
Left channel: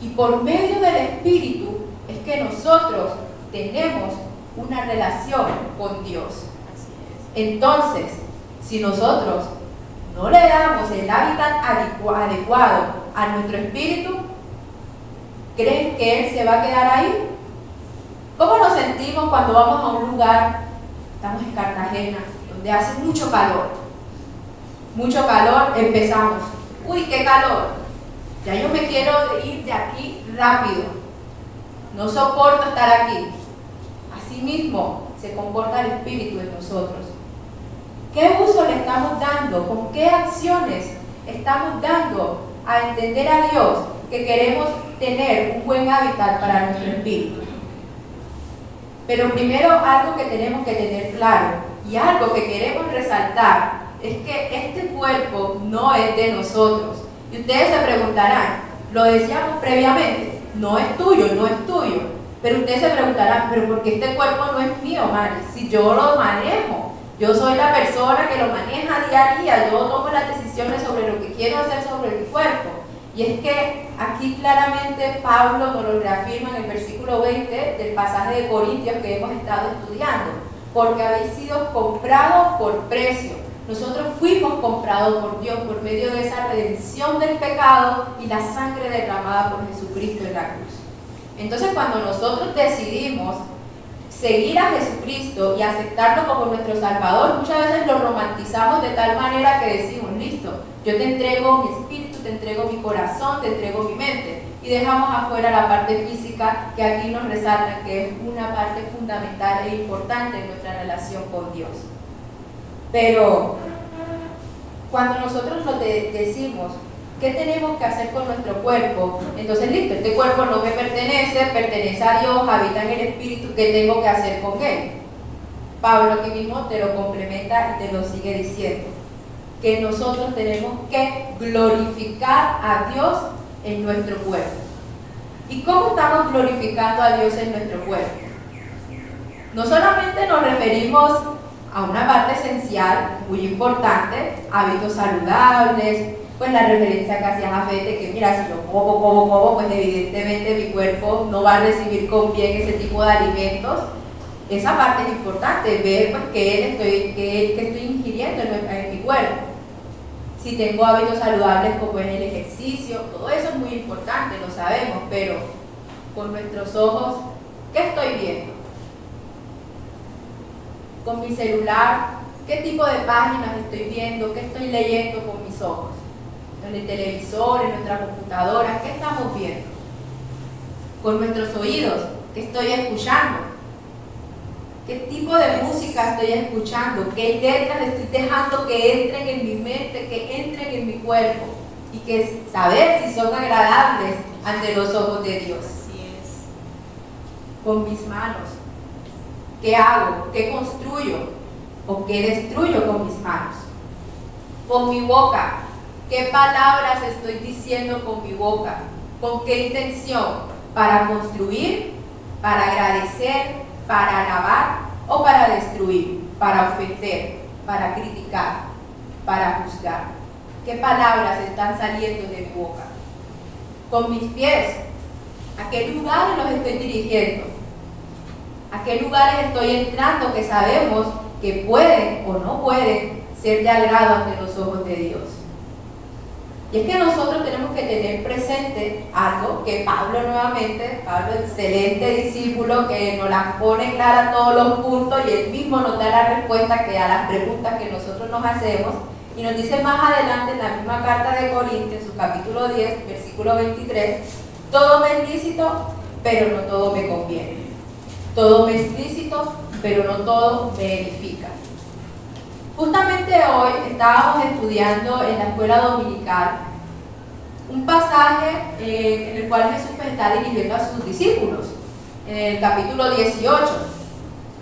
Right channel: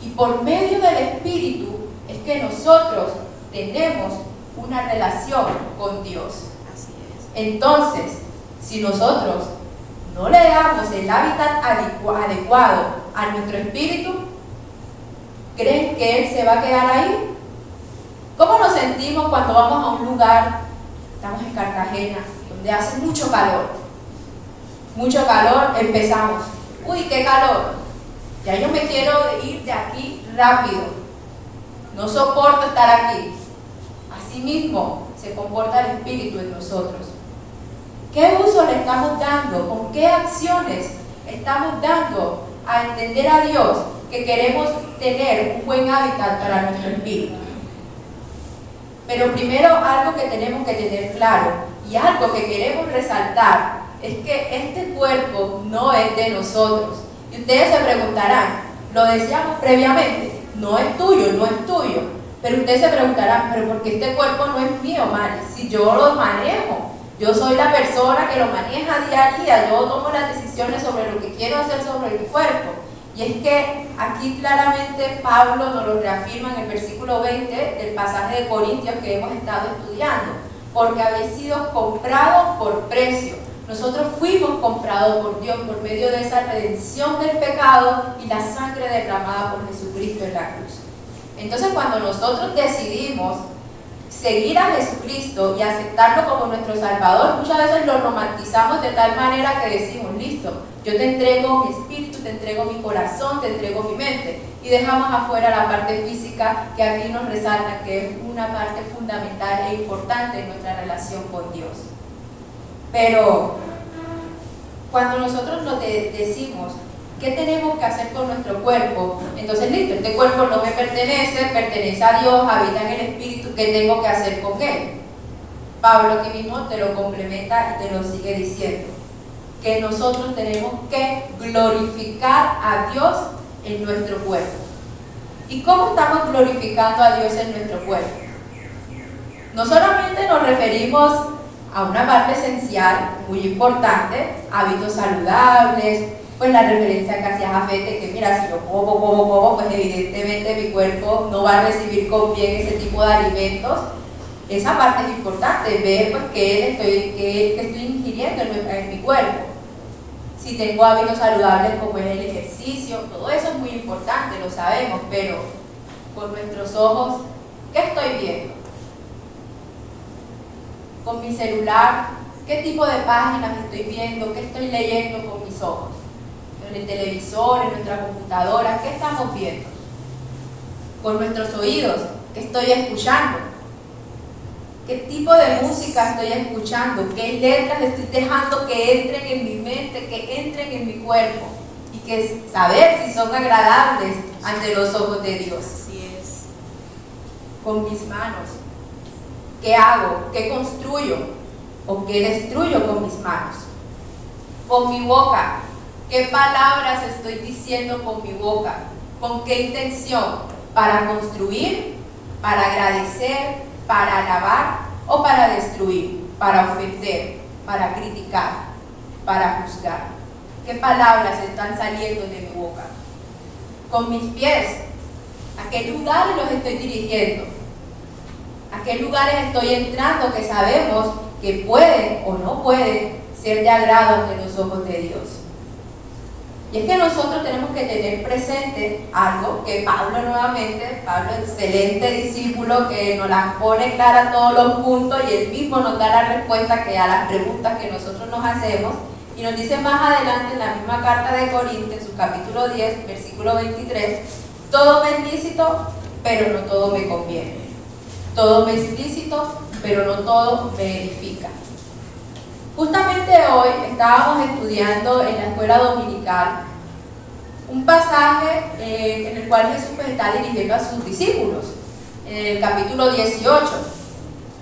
Y por medio del Espíritu es que nosotros tenemos una relación con Dios. Entonces, si nosotros no le damos el hábitat adecuado a nuestro espíritu, ¿creen que Él se va a quedar ahí? ¿Cómo nos sentimos cuando vamos a un lugar, estamos en Cartagena, donde hace mucho calor? Mucho calor, empezamos. Uy, qué calor. Ya yo me quiero ir de aquí rápido. No soporto estar aquí. Así mismo se comporta el espíritu en nosotros. ¿Qué uso le estamos dando? ¿Con qué acciones estamos dando a entender a Dios que queremos tener un buen hábitat para nuestro espíritu? Pero primero, algo que tenemos que tener claro y algo que queremos resaltar es que este cuerpo no es de nosotros. Y ustedes se preguntarán, lo decíamos previamente, no es tuyo, no es tuyo. Pero ustedes se preguntarán, pero ¿por qué este cuerpo no es mío, Mari? Si yo lo manejo, yo soy la persona que lo maneja día a día, yo tomo las decisiones sobre lo que quiero hacer sobre mi cuerpo. Y es que aquí claramente Pablo nos lo reafirma en el versículo 20 del pasaje de Corintios que hemos estado estudiando, porque habéis sido comprados por precio. Nosotros fuimos comprados por Dios por medio de esa redención del pecado y la sangre derramada por Jesucristo en la cruz. Entonces, cuando nosotros decidimos seguir a Jesucristo y aceptarlo como nuestro Salvador, muchas veces lo romantizamos de tal manera que decimos, listo, yo te entrego mi espíritu, te entrego mi corazón, te entrego mi mente, y dejamos afuera la parte física que aquí nos resalta que es una parte fundamental e importante en nuestra relación con Dios. Pero cuando nosotros lo decimos, ¿qué tenemos que hacer con nuestro cuerpo? Entonces, listo, este cuerpo no me pertenece, pertenece a Dios, habita en el Espíritu, ¿qué tengo que hacer con él? Pablo aquí mismo te lo complementa y te lo sigue diciendo, que nosotros tenemos que glorificar a Dios en nuestro cuerpo. ¿Y cómo estamos glorificando a Dios en nuestro cuerpo? No solamente nos referimos a una parte esencial, muy importante, hábitos saludables, pues la referencia que hacía Jafete, que mira, si yo como, pues evidentemente mi cuerpo no va a recibir con bien ese tipo de alimentos. Esa parte es importante, ver pues que estoy ingiriendo en mi cuerpo. Si tengo hábitos saludables como es el ejercicio, todo eso es muy importante, lo sabemos, pero con nuestros ojos, ¿qué estoy viendo? con mi celular, qué tipo de páginas estoy viendo, qué estoy leyendo con mis ojos. En el televisor, en nuestra computadora, ¿qué estamos viendo? Con nuestros oídos, ¿qué estoy escuchando? ¿Qué tipo de música estoy escuchando? ¿Qué letras estoy dejando que entren en mi mente, que entren en mi cuerpo? Y que saber si son agradables ante los ojos de Dios. Así es. Con mis manos, ¿qué hago? ¿Qué construyo? ¿O qué destruyo con mis manos? Con mi boca, ¿qué palabras estoy diciendo con mi boca? ¿Con qué intención? ¿Para construir? ¿Para agradecer? ¿Para alabar? ¿O para destruir? ¿Para ofender? ¿Para criticar? ¿Para juzgar? ¿Qué palabras están saliendo de mi boca? Con mis pies, ¿a qué lugares los estoy dirigiendo? ¿A qué lugares estoy entrando que sabemos que pueden o no pueden ser de agrado ante los ojos de Dios? Y es que nosotros tenemos que tener presente algo que Pablo nuevamente, Pablo, excelente discípulo, que nos las pone clara todos los puntos y él mismo nos da la respuesta que a las preguntas que nosotros nos hacemos, y nos dice más adelante en la misma carta de Corintios, en su capítulo 10, versículo 23, todo me es lícito, pero no todo me conviene. Todo me es lícito, pero no todo me edifica. Justamente hoy estábamos estudiando en la escuela dominical un pasaje en el cual Jesús está dirigiendo a sus discípulos, en el capítulo 18,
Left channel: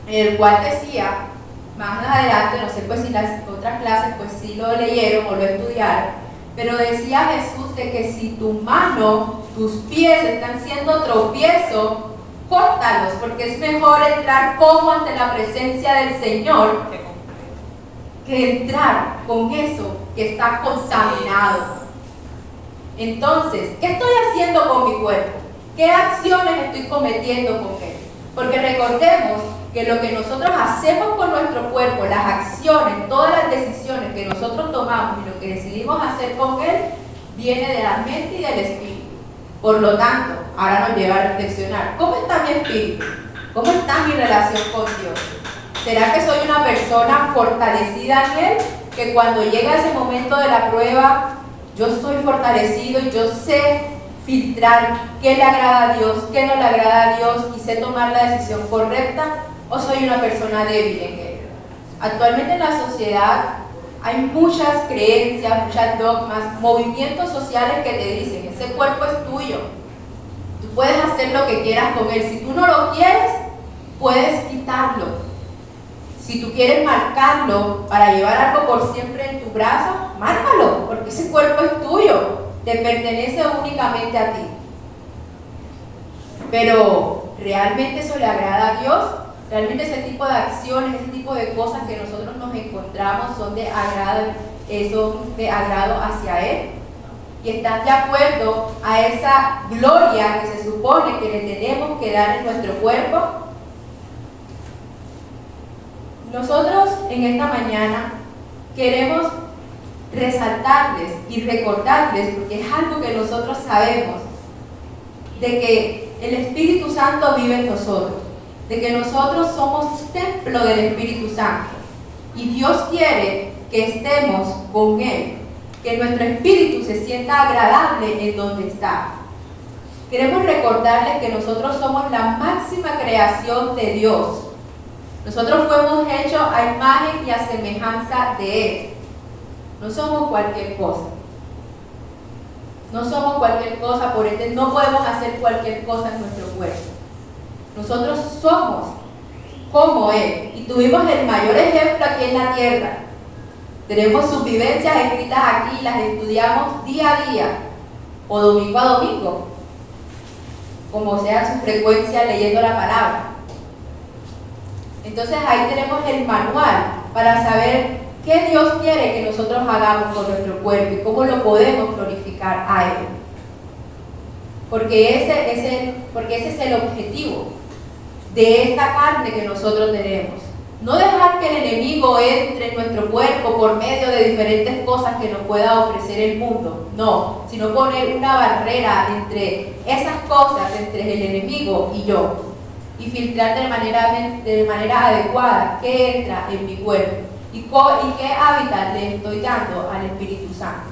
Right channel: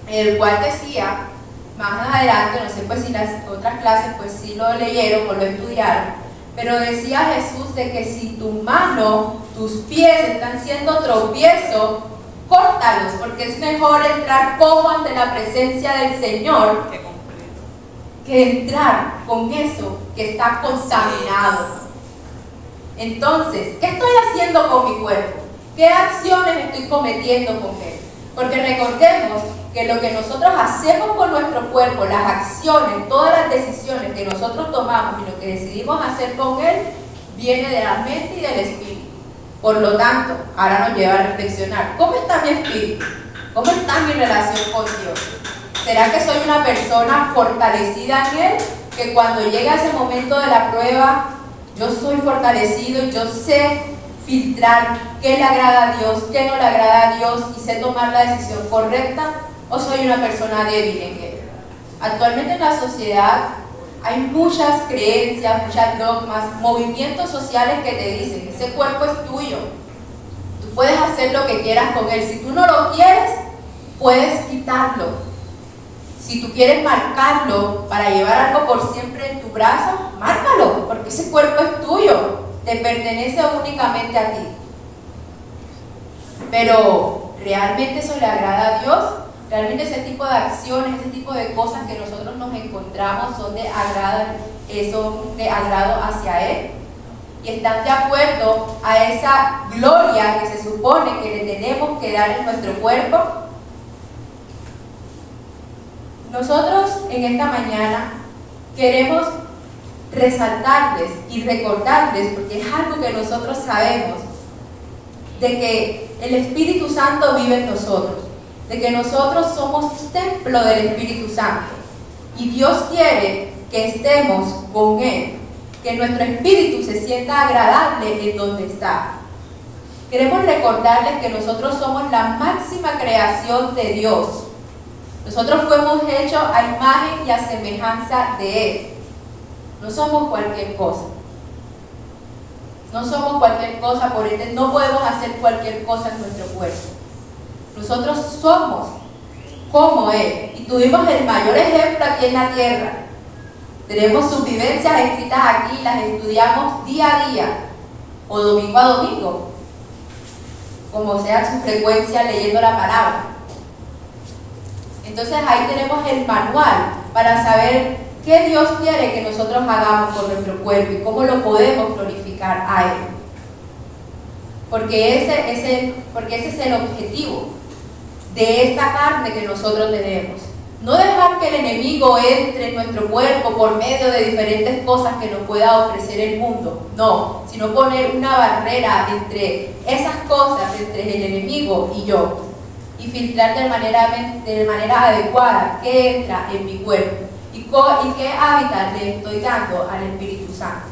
en el cual decía, más adelante, no sé pues si las otras clases pues sí lo leyeron o lo estudiaron, pero decía Jesús de que si tu mano, tus pies están siendo tropiezo, córtalos, porque es mejor entrar cojo ante la presencia del Señor que entrar con eso que está contaminado. Entonces, ¿qué estoy haciendo con mi cuerpo? ¿Qué acciones estoy cometiendo con él? Porque recordemos que lo que nosotros hacemos con nuestro cuerpo, las acciones, todas las decisiones que nosotros tomamos y lo que decidimos hacer con él, viene de la mente y del espíritu. Por lo tanto, ahora nos lleva a reflexionar, ¿cómo está mi espíritu? ¿Cómo está mi relación con Dios? ¿Será que soy una persona fortalecida en él? Que cuando llega ese momento de la prueba, yo soy fortalecido y yo sé filtrar qué le agrada a Dios, qué no le agrada a Dios y sé tomar la decisión correcta, o soy una persona débil en él. Actualmente en la sociedad hay muchas creencias, muchas dogmas, movimientos sociales que te dicen, ese cuerpo es tuyo, tú puedes hacer lo que quieras con él, si tú no lo quieres, puedes quitarlo. Si tú quieres marcarlo para llevar algo por siempre en tu brazo, márcalo, porque ese cuerpo es tuyo, te pertenece únicamente a ti. Pero, ¿realmente eso le agrada a Dios? ¿Realmente ese tipo de acciones, ese tipo de cosas que nosotros nos encontramos son de agrado hacia Él? ¿Y están de acuerdo a esa gloria que se supone que le tenemos que dar en nuestro cuerpo? Nosotros en esta mañana queremos resaltarles y recordarles, porque es algo que nosotros sabemos, de que el Espíritu Santo vive en nosotros, de que nosotros somos templo del Espíritu Santo y Dios quiere que estemos con Él, que nuestro espíritu se sienta agradable en donde está. Queremos recordarles que nosotros somos la máxima creación de Dios. Nosotros fuimos hechos a imagen y a semejanza de Él. No somos cualquier cosa. No somos cualquier cosa, por ende no podemos hacer cualquier cosa en nuestro cuerpo. Nosotros somos como Él. Y tuvimos el mayor ejemplo aquí en la tierra. Tenemos sus vivencias escritas aquí, las estudiamos día a día o domingo a domingo, como sea su frecuencia leyendo la palabra. Entonces ahí tenemos el manual para saber qué Dios quiere que nosotros hagamos con nuestro cuerpo y cómo lo podemos glorificar a Él. Porque ese es el objetivo de esta carne que nosotros tenemos. No dejar que el enemigo entre en nuestro cuerpo por medio de diferentes cosas que nos pueda ofrecer el mundo. No, sino poner una barrera entre esas cosas, entre el enemigo y yo. y filtrar de manera adecuada qué entra en mi cuerpo y qué hábitat le estoy dando al Espíritu Santo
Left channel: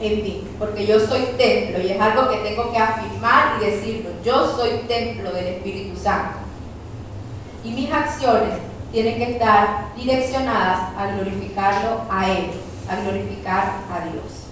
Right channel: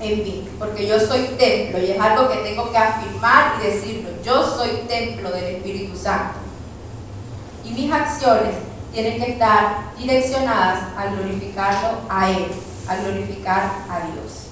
en mí, porque yo soy templo y es algo que tengo que afirmar y decirlo. Yo soy templo del Espíritu Santo y mis acciones tienen que estar direccionadas a glorificarlo a Él, a glorificar a Dios.